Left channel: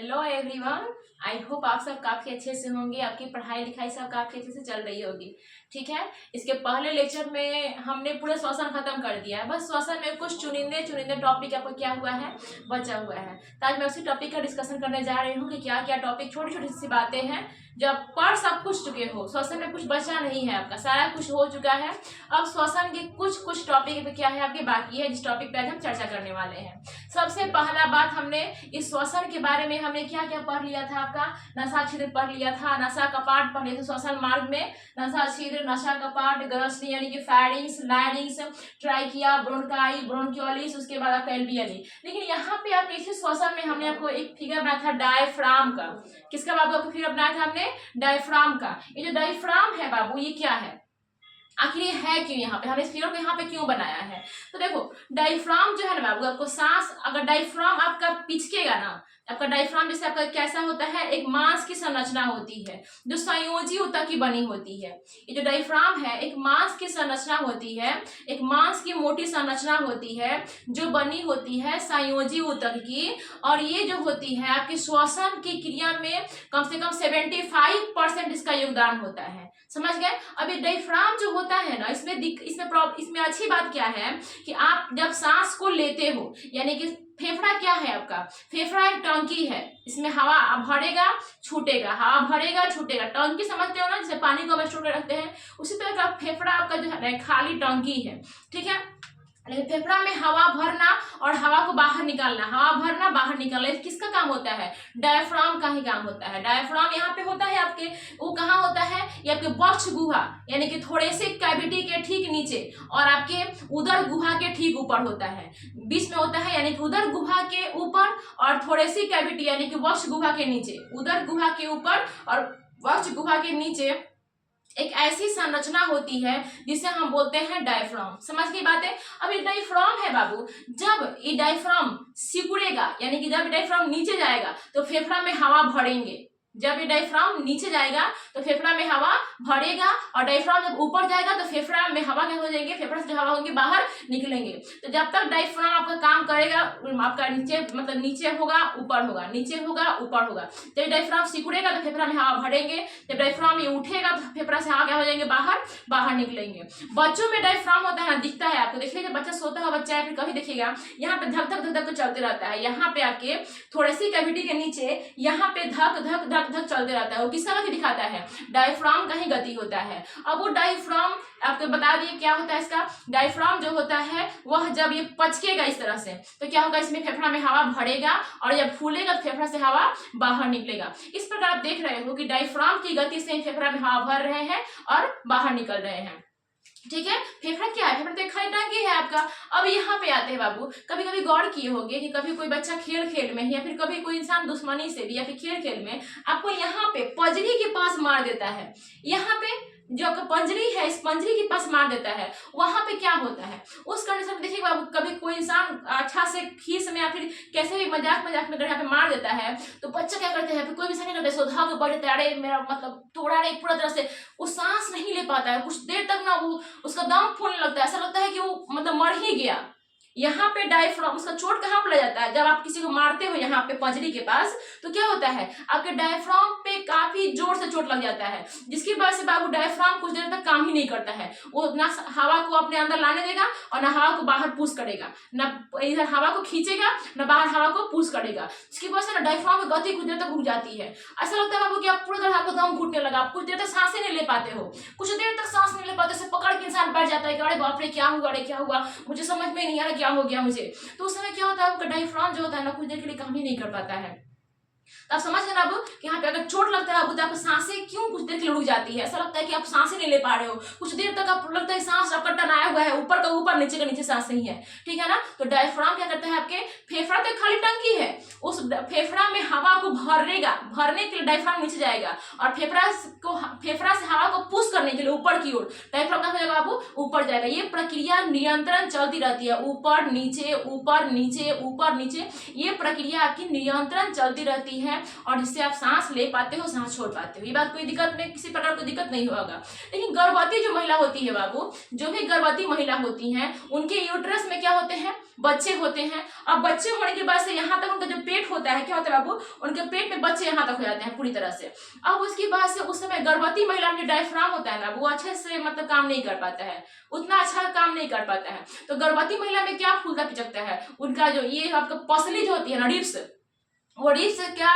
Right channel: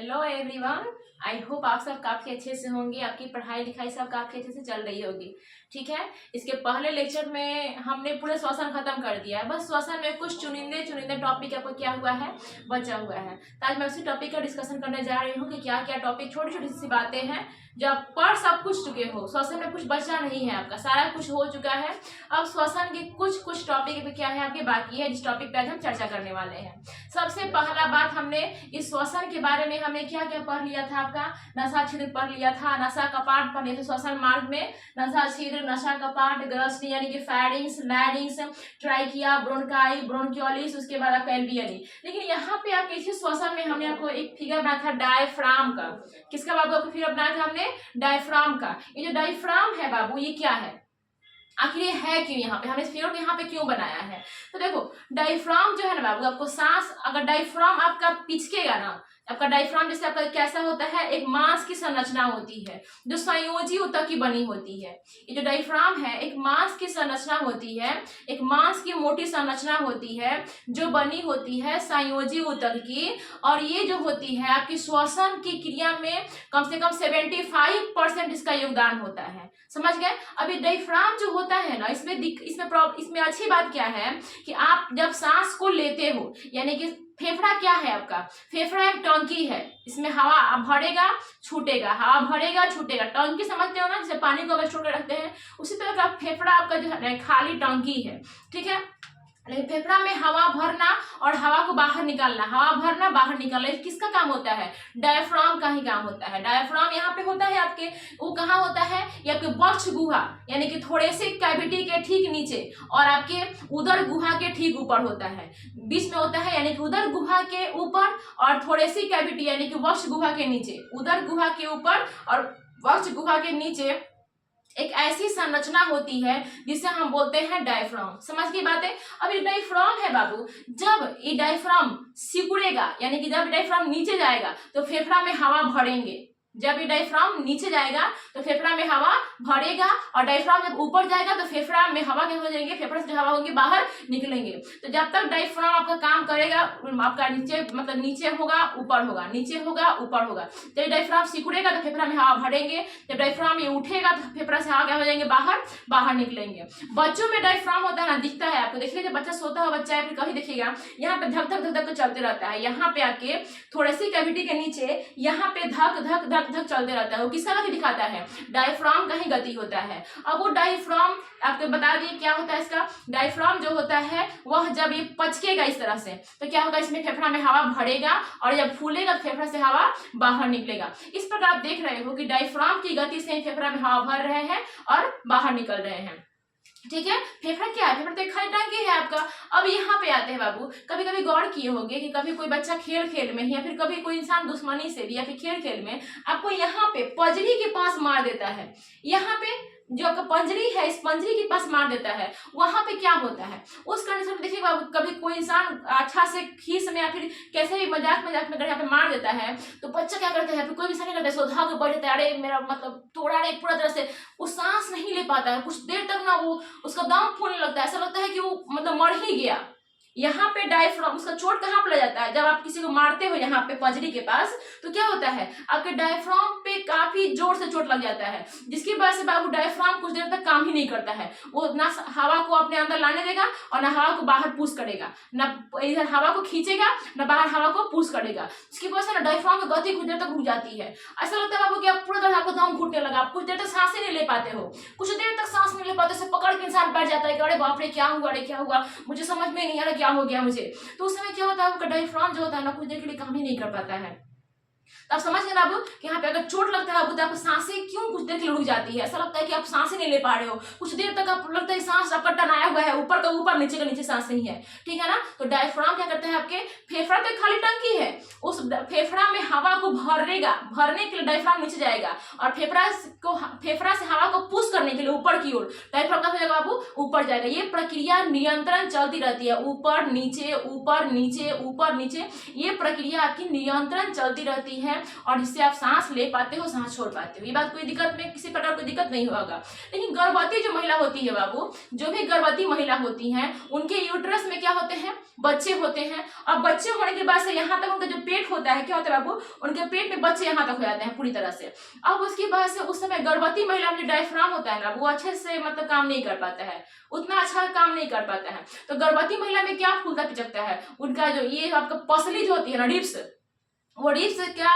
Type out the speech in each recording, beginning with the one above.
Hello everyone. I hope आप सब काफ़ी अच्छे से होंगे, आपकी पढ़ाई लिखाई सब काफ़ी अच्छे से चल रही होगी। ठीक है, इसके पहले लेक्चर में हमने पूरे श्वसन खत्म कर दिया है। बस श्वसन में कुछ चुनिंदे चुनिंदे टॉपिक आपको क्या हुआ है, बचा हुआ है। तो आज मैं उसी टॉपिक का डिस्कशन करने जा रही हूँ कि क्या क्या टॉपिक, छोटी छोटी सी बातें हैं जब पढ़ सब कुछ चुके हो, श्वसन में कुछ बचा नहीं है, आपका सारा कुछ हो चुका है। अब श्वसन के कुछ कुछ टॉपिक पे क्या है आपके बाकी है, जिस टॉपिक पे आज हम चर्चा करने वाले हैं। सबसे पहला बात, हमने इस श्वसन के बारे में हमने क्या क्या पढ़ लिया था, आपका नशा छिद्र पढ़ लिया था, नशा कपाट पढ़ लिया था। श्वसन मार्ग में नशा छिद्र, नशा कपाट, ग्रसनी यानी कि फैरिंग्स, लैरिंग्स, ट्राइकिया, ब्रोंकाई, ब्रोंकियोलिस, उसके बाद आपका एल्वियली। लेकिन यहाँ पे आपके इसी श्वसन में हमने आपको एक फिगर बनाया था डायफ्राम का। किसका बाबू आपको फिगर बनाया था हमने? डायफ्राम का। ये जो डायफ्राम है बाबू, ये क्या है, आखिर ये है क्यों, यहाँ पे हमने इस फिगर को यहाँ पे क्यों बनाया है? तो देखो, डायफ्राम जो है ना बाबू, आपको सांस, अगर डायफ्राम आपका पिचकेगा ना, आपका डायफ्राम जैसे आपका कैसा होता है, एक मांस की संरचना होती है जो संयोजी ऊतक की बनी होती है। ये जो डायफ्राम है एक मांस की संरचना होती है, एक मांस की मोटी संरचना होती है जो बनी होती है संयोजी ऊतक की। और ये जो होती है आपकी श्वसन की क्रिया में कम से कम 75% इसका योगदान होता है। समझ गए? अभी डायफ्राम जो होता है ना, इसमें अच्छी बात क्या है कि आप जब सांस को लेते हो, यानी कि फेफड़ा क्या है आपका, फेफड़ा एक टंकी है, इसमें हवा भरेगा छूटेगा, हवा भरेगा छूटेगा। टंकी समझते हो ना, जैसे पानी को हम स्टोर कर रखते हैं, उसी तरह का फेफड़ा आपका जो है खाली टंकी है। ठीक है, लेकिन फेफड़ा में हवा भरना और हवा को बाहर निकालना, हवा भरना बाहर निकालना, किसका काम होता है? डायफ्राम का ही काम होता है। डायफ्राम यहाँ पे होता है आपके, वो कहाँ होता है, ये आपके वक्ष गुहा यानी कि थोड़े से कैविटी के ठीक नीचे और आपके उदर गुहा के ठीक ऊपर होता है, बीच में होता है, यानी कि उदर गुहा के ऊपर और थोड़े सी कैविटी यानी कि वक्ष गुहा के नीचे, उदर गुहा के ऊपर और वक्ष गुहा के नीचे एक ऐसी संरचना होती है जिसे हम बोलते हैं डायफ्राम। समझ की बात है? अब ये डायफ्राम है बाबू, जब ये डायफ्राम सिकुड़ेगा यानी कि जब डायफ्राम नीचे जाएगा तो फेफड़ा में हवा भरेंगे। जब ये डायफ्राम नीचे जाएगा तो फेफड़ा में हवा भरेगा और डायफ्राम जब ऊपर जाएगा तो फेफड़ा में हवा क्या हो जाएंगे, फेफड़ा से हवा होंगे बाहर निकलेंगे। तो जब तक डायफ्राम आपका काम करेगा, आपका नीचे मतलब नीचे होगा ऊपर होगा, नीचे होगा ऊपर होगा। जब डायफ्राम सिकुड़ेगा तो फेफड़ा में हवा भरेंगे, जब डायफ्राम ये उठेगा तो फेफड़ा से हवा क्या हो जाएंगे, बाहर निकलेंगे। बच्चों में डायफ्राम होता है ना, दिखता है आपको, देखिए जब बच्चा सोता हुआ बच्चा है, फिर कभी देखिएगा यहाँ पे धक धक धक धक तो चलते रहता है, यहाँ पे आपके थोड़ी सी कैविटी के नीचे यहाँ पे धक धक धक धक चलते रहता है। वो किसका गति दिखाता है? डायफ्राम का ही गति होता है। अब वो डायफ्राम आपको बता दिए क्या होता है इसका। डायफ्राम जो होता है वह जब ये पचकेगा इस तरह से तो क्या होगा, इसमें फेफड़ा में हवा भरेगा और जब फूलेगा तो फेफड़ा से हवा बाहर निकलेगा। इस प्रकार आप देख रहे हो कि डायफ्राम की गति से फेफड़ा में हवा भर रहे हैं और बाहर निकल रहे हैं। ठीक है, फेफड़ा क्या है? फेफड़ा तो एक खाली टंकी है आपका। अब यहाँ पे आते हैं बाबू, कभी कभी गौर किए होंगे कि कभी कोई बच्चा खेल में या फिर कभी कोई इंसान दुश्मनी से भी या फिर खेल में आपको यहाँ पे पंजरी के पास मार देता है। यहाँ पे जो आपका पंजरी है, इस पंजरी के पास मार देता है, वहां पे क्या होता है उस कंडीशन में? देखिए बाबू, कभी कोई इंसान अच्छा से खीस में या फिर कैसे भी मजाक में अगर यहाँ पे मार देता है तो बच्चा क्या करता है, फिर कोई इंसान नहीं करता, सोधा के बढ़ जाता है, अरे मेरा मतलब तोड़ा रे पूरा तरह से, वो सांस नहीं ले पाता है, कुछ देर तक ना वो उसका दम फूलने लगता है, ऐसा लगता है कि वो मतलब मर ही गया। यहाँ पे डायफ्राम, उसका चोट कहाँ पर लग जाता है, जब आप किसी को मारते हो यहाँ पे पंजरी के पास तो क्या होता है, आपके डायफ्राम पे काफी जोर से चोट लग जाता है, जिसकी वजह से बाबू डायफ्राम कुछ देर तक काम ही नहीं करता है। वो ना हवा को अपने अंदर लाने देगा और ना हवा को बाहर पुश करेगा, ना इधर हवा को खींचेगा ना बाहर हवा को पुश करेगा। इसकी वजह से ना डायफ्राम की गति कुछ देर तक रुक जाती है। ऐसा लगता है बाबू कि आप पूरी तरह आपको दम घुटने लगा, आप कुछ देर तक सांस ही नहीं ले पाते हो, कुछ देर तक सांस नहीं ले पाते, से पकड़ के इंसान बैठ जाता है कि अरे बाप रे क्या हुआ, अरे क्या हुआ, मुझे समझ में नहीं आ रहा क्या हो गया मुझे। तो उस समय क्या होता है, आपका डायफ्राम जो होता है ना कुछ देर के लिए काम ही नहीं कर पाता है। तो आप समझ गए ना अब कि यहाँ पे अगर चोट लगता है तो आपको सांसें क्यों कुछ देर के लिए रुक जाती है, ऐसा लगता है कि आप सांसें नहीं ले पा रहे हो, कुछ देर तक आपको लगता है सांस आपका टनाया हुआ है, ऊपर का ऊपर नीचे का नीचे सांस नहीं है। ठीक है ना, तो डायफ्राम क्या करता है, आपके फेफड़ा तो खाली टंकी है, उस फेफड़ा में हवा को भरने के लिए डायफ्राम नीचे जाएगा और फेफड़ा से हवा को पुश करने के लिए ऊपर की ओर डायफ्राम का जाएगा बाबू, ऊपर जाएगा। ये प्रक्रिया निरंतर चलती रहती है, ऊपर नीचे ऊपर नीचे ऊपर नीचे, ये प्रक्रिया आपकी निरंतर चलती रहती है है और जिससे आप सांस ले पाते हो, सांस छोड़ पाते हो। ये बात कोई दिक्कत में, किसी प्रकार कोई दिक्कत नहीं होगा। लेकिन गर्भवती जो महिला होती है बाबू, जो भी गर्भवती महिला होती हैं, उनके यूट्रस में क्या होते हैं, बच्चे होते हैं। और बच्चे होने के बाद से यहाँ तक उनका जो पेट होता है, क्या होता है बाबू, उनके पेट में बच्चे यहाँ तक हो जाते हैं पूरी तरह से। अब उसके बाद से उस समय गर्भवती महिला में जो डायफ्राम होता है ना, वो अच्छे से मतलब काम नहीं कर पाता है, उतना अच्छा काम नहीं कर पाता है। तो गर्भवती महिला में क्या फूलता पिचकता है, उनका जो ये आपका पसली जो होती है ना, रिब्स, वो रिब्स से क्या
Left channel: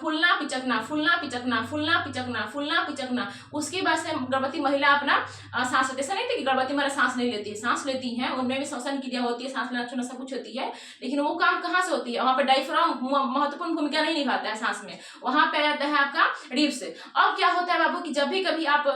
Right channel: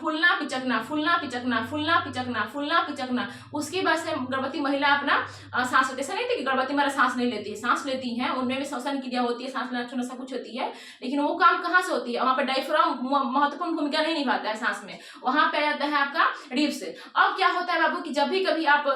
फूलना पिचकना, फूलना पिचकना, फूलना पिचकना, फूलना पिचकना। उसके बाद से गर्भवती महिला अपना सांस लेती, ऐसा नहीं थी कि गर्भवती महिला सांस नहीं लेती है, सांस लेती है, उनमें भी श्वसन क्रिया होती है, सांस लेना छोड़ना सब कुछ होती है। लेकिन वो काम कहाँ से होती है, वहाँ पर डायफ्राम महत्वपूर्ण भूमिका नहीं निभाता है सांस में, वहां पे आ जाता है आपका रिब्स। अब क्या होता है बाबू कि जब भी कभी आप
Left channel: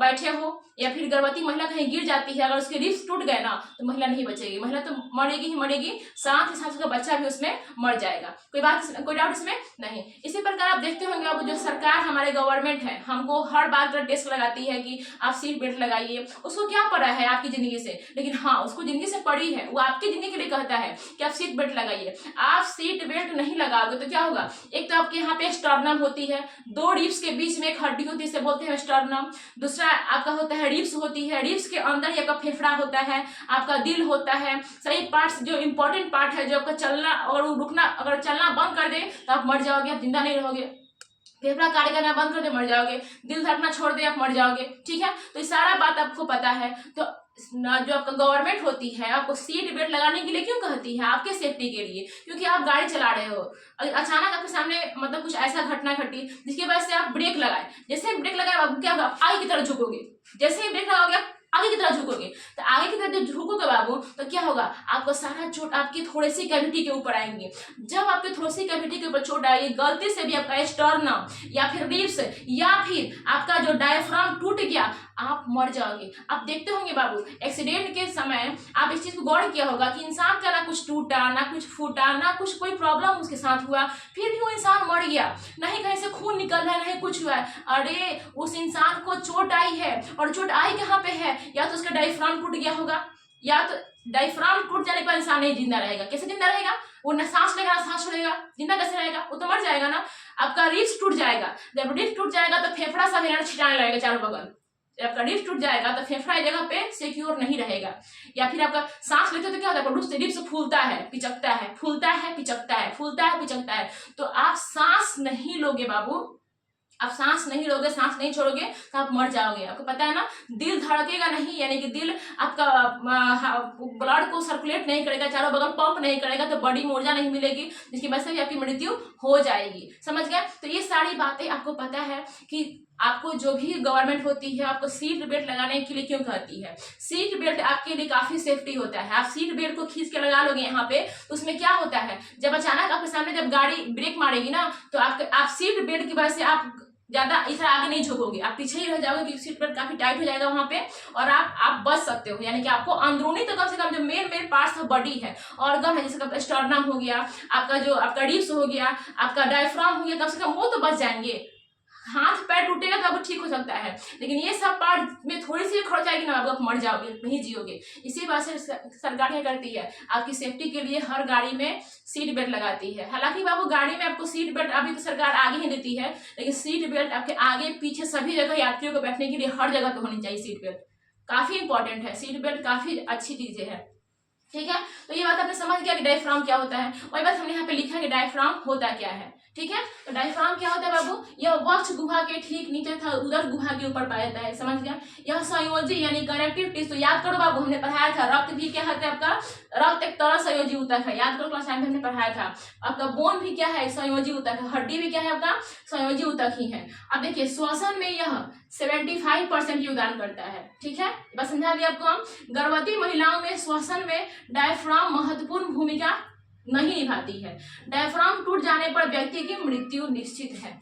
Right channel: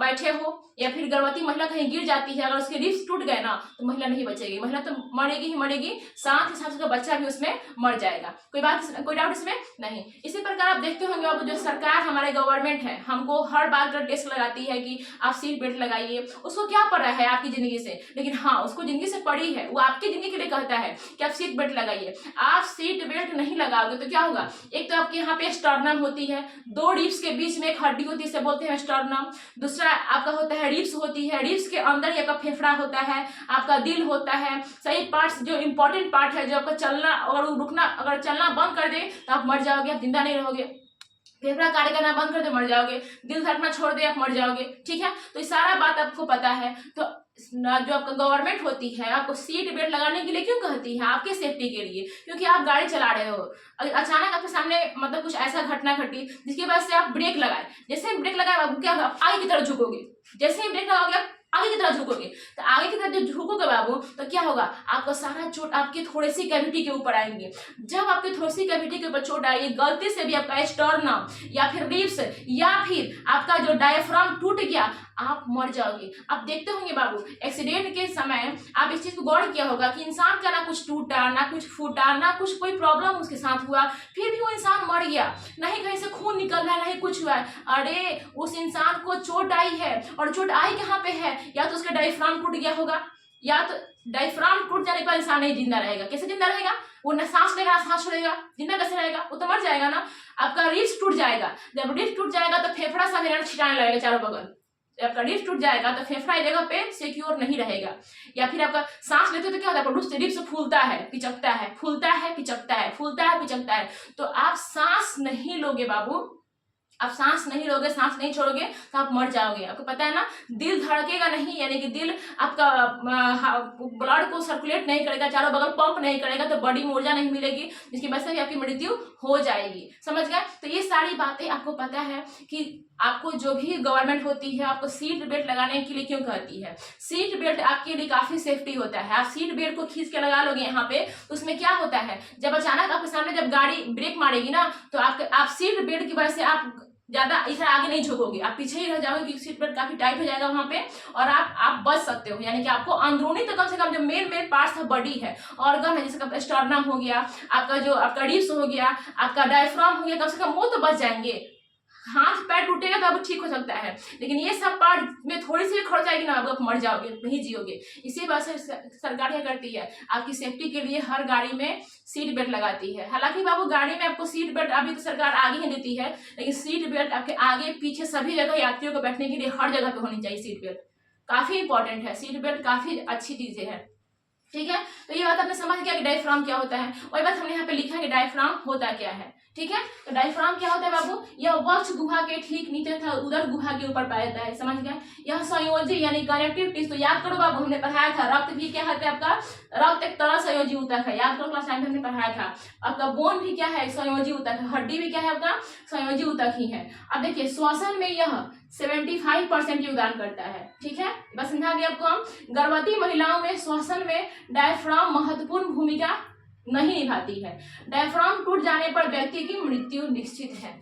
बैठे हो या फिर गर्भवती महिला कहीं गिर जाती है, अगर उसके रिब्स टूट गए ना, तो महिला नहीं बचेगी, महिला तो मरेगी ही मरेगी, साथ ही साथ उसका बच्चा भी उसमें मर जाएगा। कोई डाउट इसमें नहीं। इसी प्रकार आप देखते होंगे अब जो सरकार हमारे गवर्नमेंट है, हमको हर बात का टेस्ट लगाती है कि आप सीट बेल्ट लगाइए। उसको क्या पड़ा है आपकी जिंदगी से, लेकिन हाँ उसको जिंदगी से पड़ी है, वो आपकी जिंदगी के लिए कहता है कि आप सीट बेल्ट लगाइए। आप सीट बेल्ट नहीं लगाओगे तो क्या होगा, एक तो आपके यहाँ पे स्टर्नम होती है, दो रिब्स के बीच में एक हड्डी होती है, इसे बोलते हैं स्टर्नम। दूसरा आपका होता है रिब्स होती है, रिब्स के अंदर ही आपका फेफड़ा होता है, आपका दिल होता है, सही पार्ट्स जो इंपॉर्टेंट पार्ट है, जो आपका चलना और रुकना, अगर चलना बंद कर दे तो आप मर जाओगे, आप जिंदा नहीं रहोगे। फेफड़ा कार्य करना बंद कर दे मर जाओगे, दिल धड़कना छोड़ दे आप मर जाओगे। ठीक है, तो ये सारा बात आपको पता है। तो जो आपका गवर्नमेंट होती है आपको सीट बेल्ट लगाने के लिए क्यों कहती है, आपके सेफ्टी के लिए, क्योंकि आप गाड़ी चला रहे हो, अचानक आपके सामने मतलब कुछ ऐसा घटना घटी जिसकी वजह से आप ब्रेक लगाए, जैसे ब्रेक लगाए बाबू क्या होगा, आगे की तरफ झुकोगे, जैसे ही ब्रेक लगाओगे आगे की तरफ झुकोगे, तो आगे की तरफ जब झुकोगे बाबू तो क्या होगा, आपका सारा चोट आपकी थोड़ी सी कैविटी के ऊपर आएंगे। जब आपकी थोड़ी सी कैविटी के ऊपर चोट आएगी, गलती से भी आपका स्टर्नम या फिर रिब्स या फिर आपका जो डायफ्राम टूट गया, आप मर जाओगे। आप देखते होंगे बाबू एक्सीडेंट के समय आप इस चीज को गौर किया होगा कि इंसान का ना कुछ टूटा, ना कुछ फूटा, ना कुछ कोई प्रॉब्लम उसके साथ हुआ, फिर भी वो इंसान मर गया, नहीं कहीं से खून निकल रहा है, नहीं कुछ हुआ है। अरे उस इंसान को चोट आई है, और चोट आई कहाँ पे है, या तो उसका डायफ्राम टूट गया होगा, या तो डायफ्राम टूट जाने पर इंसान नहीं जिंदा रहेगा। कैसे जिंदा रहेगा, वो ना सांस लेगा ना सांस छोड़ेगा, जिंदा कैसे रहेगा, वो तो मर जाएगा ना। आपका रिब्स टूट जाएगा, जब रिब्स टूट जाएगा तो फेफड़ा सा हिरण छिटाने लगेगा चारों बगल, आपका रिब्स टूट जाएगा तो फेफड़ा एक जगह पे सिक्योर नहीं रहेगा। या फिर आपका सांस लेते तो क्या होता है, रिब्स फूलता है पिचकता है, फूलता है पिचकता है, फूलता है पिचकता है। तो आप सांस नहीं लोगे बाबू, आप सांस नहीं लोगे, सांस नहीं छोड़ोगे तो आप मर जाओगे। आपको पता है ना, दिल धड़केगा नहीं, यानी कि दिल आपका ब्लड को सर्कुलेट नहीं करेगा, चारों बगल पंप नहीं करेगा, तो बॉडी में ऊर्जा नहीं मिलेगी, जिसकी वजह से भी आपकी मृत्यु हो जाएगी। समझ गए, तो ये सारी बातें आपको पता है कि आपको जो भी गवर्नमेंट होती है आपको सीट बेल्ट लगाने के लिए क्यों कहती है। सीट बेल्ट आपके लिए काफी सेफ्टी होता है। आप सीट बेल्ट को खींच के लगा लोगे यहाँ पे, तो उसमें क्या होता है, जब अचानक आपके सामने जब गाड़ी ब्रेक मारेगी ना, तो आप सीट बेल्ट की वजह से आप ज्यादा इधर आगे नहीं झुकोगे, आप पीछे ही रह जाओगे, क्योंकि सीट बेल्ट काफी टाइट हो जाएगा वहां पे, और आप बच सकते हो। यानी कि आपको अंदरूनी तो कम से कम जो मेन पार्ट्स है, बॉडी है, ऑर्गन है, जैसे स्टर्नम हो गया, आपका रिब्स हो गया, आपका डायफ्राम हो गया, कम से कम वो तो बच जाएंगे। हाथ पैर टूटेगा तो अब ठीक हो सकता है, लेकिन ये सब पार्ट में थोड़ी सी खर्च आएगी ना, आप मर जाओगे, नहीं जियोगे। इसी वजह से सरकार क्या करती है, आपकी सेफ्टी के लिए हर गाड़ी में सीट बेल्ट लगाती है। हालांकि बाबू गाड़ी में आपको सीट बेल्ट अभी तो सरकार आगे ही देती है, लेकिन सीट बेल्ट आपके आगे पीछे सभी जगह यात्रियों को बैठने के लिए हर जगह पे होनी चाहिए। सीट बेल्ट काफी इंपॉर्टेंट है, सीट बेल्ट काफी अच्छी चीजें है। ठीक है, तो ये बात आपने समझ गया कि डायफ्राम क्या होता है। वही बात हमने यहाँ पे लिखा है कि डायफ्राम होता क्या है। ठीक है, तो डायफ्राम क्या होता है बाबू, यह वक्ष गुहा के ठीक नीचे था उदर गुहा के ऊपर पाया जाता है। समझ गया, यह संयोजी यानी कनेक्टिव टिश्यू, तो याद करो बाबू हमने पढ़ाया था, रक्त भी क्या है आपका, रक्त एक तरह संयोजी ऊतक है, याद करो क्लास 9 में हमने पढ़ाया था। आपका बोन भी क्या है, संयोजी ऊतक है, हड्डी भी क्या है आपका, संयोजी ऊतक ही है। अब देखिए श्वसन में यह 75% योगदान करता है। ठीक है, बस समझा दिया आपको हम। गर्भवती महिलाओं में श्वसन में डायफ्राम महत्वपूर्ण भूमिका नहीं निभाती है। डायफ्राम टूट जाने पर व्यक्ति की मृत्यु निश्चित है।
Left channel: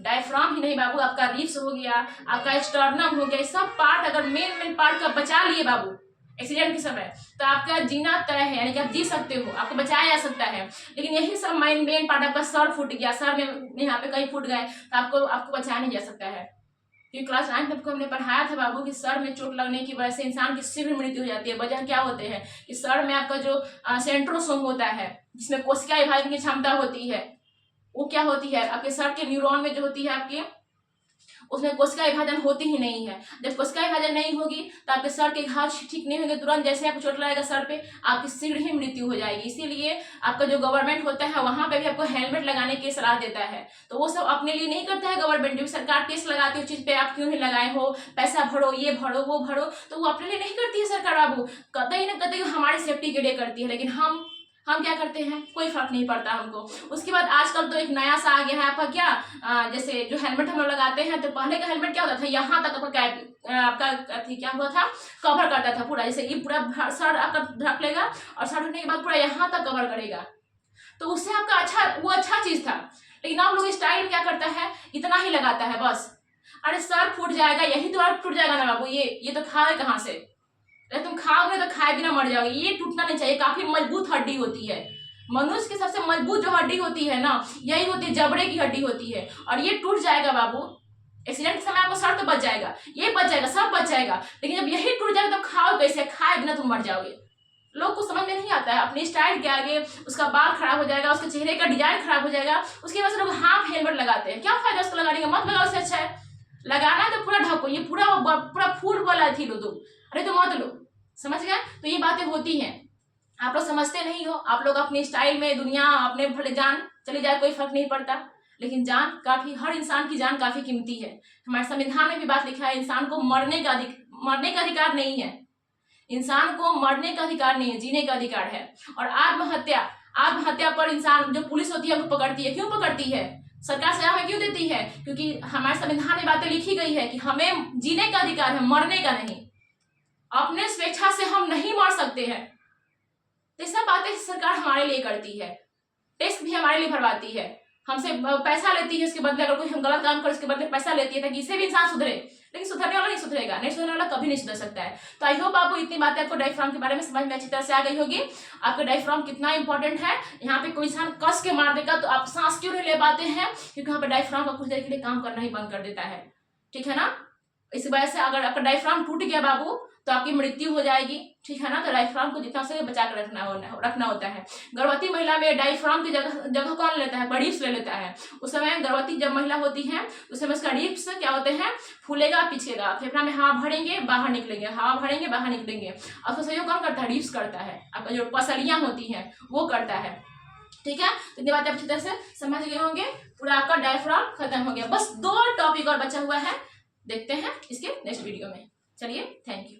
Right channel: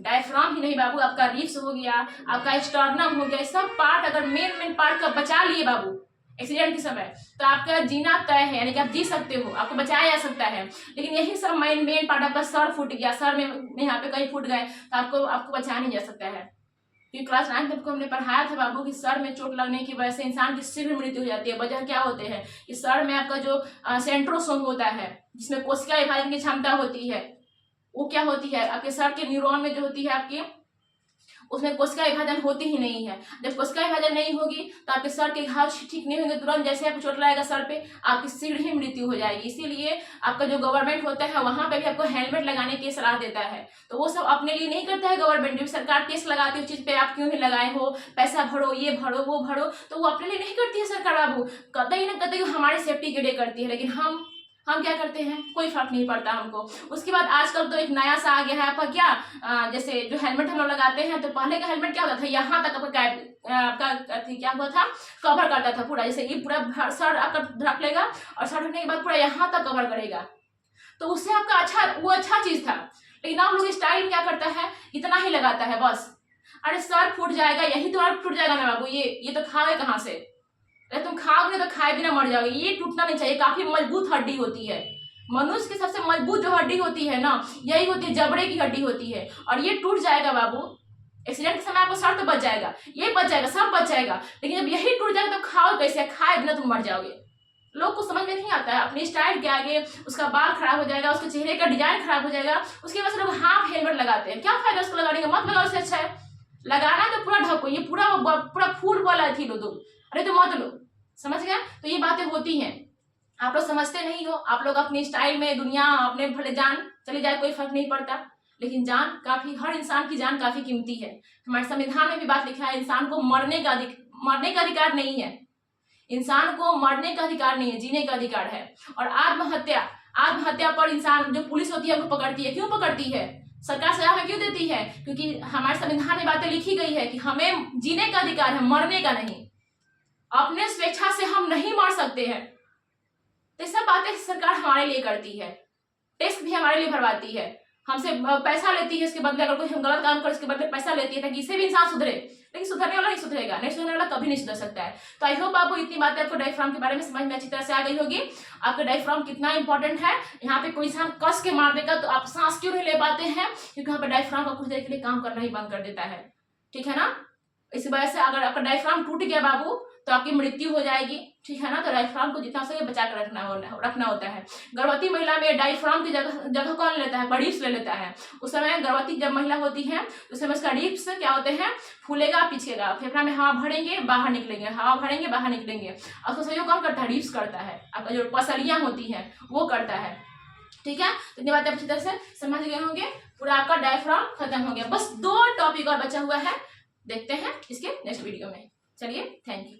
डायफ्राम ही नहीं बाबू, आपका रिब्स हो गया, आपका स्टर्नम हो गया, सब पार्ट अगर मेन पार्ट का बचा लिए बाबू एक्सीडेंट के समय, तो आपका जीना तय है, यानी कि आप जी सकते हो, आपको बचाया जा सकता है। लेकिन यही सब मेन पार्ट, आपका सर फूट गया, सर में यहाँ पे कहीं फूट गए, तो आपको बचाया नहीं जा सकता है। क्योंकि क्लास 9 तक को हमने पढ़ाया था बाबू कि सर में चोट लगने की वजह से इंसान की शीघ्र मृत्यु हो जाती है। वजह क्या होते हैं कि सर में आपका जो सेंट्रोसोम होता है, जिसमें कोशिका विभाजन की क्षमता होती है, वो क्या होती है, आपके सर के न्यूरॉन में जो होती है आपके, उसमें कोशिका विभाजन होती ही नहीं है। जब कोशिका विभाजन नहीं होगी तो आपके सर के घाव ठीक नहीं होंगे, तुरंत जैसे आपको चोट लगेगा सर पे आपकी शीघ्र ही मृत्यु हो जाएगी। इसीलिए आपका जो गवर्नमेंट होता है वहां पे भी आपको हेलमेट लगाने की सलाह देता है। तो वो सब अपने लिए नहीं करता है गवर्नमेंट, जो सरकार टैक्स लगाती है उस चीज पे आप क्यों नहीं लगाए हो, पैसा भरो, ये भरो वो भरो, तो वो अपने लिए नहीं करती है सरकार बाबू, कतई ना कतई हमारे सेफ्टी के लिए करती है। लेकिन हम क्या करते हैं, कोई फर्क नहीं पड़ता हमको। उसके बाद आजकल तो एक नया सा आ गया है आपका क्या, जैसे जो हेलमेट हम लोग लगाते हैं, तो पहले का हेलमेट क्या होता था, यहाँ तक आपका क्या हुआ था, कवर करता था पूरा, जैसे ये पूरा सर आपका ढक लेगा और सर ढकने के बाद पूरा यहाँ तक कवर करेगा, तो उससे आपका अच्छा चीज था। लेकिन आप लोग स्टाइल क्या करता है, इतना ही लगाता है बस। अरे सर फूट जाएगा, यही तो आप टूट जाएगा ना बाबू, ये तो खाओगे कहाँ से, अरे तुम खाओगे तो खाए बिना मर जाओगे। ये टूटना नहीं चाहिए, काफी मजबूत हड्डी होती है। मनुष्य की सबसे मजबूत जो हड्डी होती है ना, यही होती है, जबड़े की हड्डी होती है, और ये टूट जाएगा बाबू, एक्सीडेंट के समय आपको सर तो बच जाएगा, ये बच जाएगा, सब बच जाएगा, लेकिन जब यही टूट जाएगा तो खाओ कैसे, खाए बिना तुम मर जाओगे। लोग को समझ में नहीं आता है, अपने स्टाइल के आगे उसका बाल खराब हो जाएगा, उसके चेहरे का डिजाइन खराब हो जाएगा, उसकी वजह से लोग हाफ हेलमेट लगाते हैं। क्या फायदा उसको लगाने का, मत लगाओ, उससे अच्छा है लगाना है तो पूरा ढको, ये पूरा फूट वाला थी लो तुम, अरे तो मत लो, समझ गए। तो ये बातें होती हैं, आप लोग समझते नहीं हो, आप लोग अपने स्टाइल में दुनिया, अपने भले जान चली जाए कोई फर्क नहीं पड़ता, लेकिन जान काफी, हर इंसान की जान काफी कीमती है। हमारे संविधान में भी बात लिखा है, इंसान को मरने का अधिकार नहीं है, इंसान को मरने का अधिकार नहीं है, जीने का अधिकार है। और आत्महत्या पर इंसान, जो पुलिस होती है वो पकड़ती है, क्यों पकड़ती है, सरकार सजा क्यों देती है, क्योंकि हमारे संविधान में बातें लिखी गई है कि हमें जीने का अधिकार है, मरने का नहीं। अपने स्वेच्छा से हम नहीं मर सकते हैं, तो सब बातें सरकार हमारे लिए करती है, टैक्स भी हमारे लिए भरवाती है, हमसे पैसा लेती है इसके बदले, अगर कोई हम गलत काम करे इसके बदले पैसा लेती है ताकि इससे भी इंसान सुधरे, लेकिन सुधरने वाला नहीं सुधरेगा, नहीं सुधरने वाला कभी नहीं सुधर सकता है। तो आई होप आपको इतनी बातें आपको डायफ्राम के बारे में समझ में अच्छी तरह से आ गई होगी, आपका डायफ्राम कितना इंपॉर्टेंट है। यहाँ पे कोई इंसान कस के मार देगा तो आप सांस क्यों नहीं ले पाते हैं, क्योंकि यहाँ पे डायफ्राम का कुछ देर के लिए काम करना ही बंद कर देता है, ठीक है ना। इस वजह से अगर आपका डायफ्राम टूट गया बाबू तो आपकी मृत्यु हो जाएगी, ठीक है ना। तो डायफ्राम को जितना सके बचा कर रखना होता है। गर्भवती महिला में डायफ्राम की जगह कौन लेता है, रिब्स ले लेता है। उस समय गर्भवती जब महिला होती है उस समय उसका रिब्स क्या होते हैं, फूलेगा पिचकेगा, फेफड़ा में हवा भरेंगे बाहर निकलेंगे, हवा भरेंगे बाहर निकलेंगे। और उसका सहयोग कौन करता है, रिब्स करता है, आपका जो पसलियां होती हैं वो करता है, ठीक है। तो ये बात आप अच्छी तरह से समझ गए होंगे, पूरा आपका डायफ्राम खत्म हो गया। बस 2 टॉपिक और बचा हुआ है, देखते हैं इसके नेक्स्ट वीडियो में। चलिए, थैंक यू।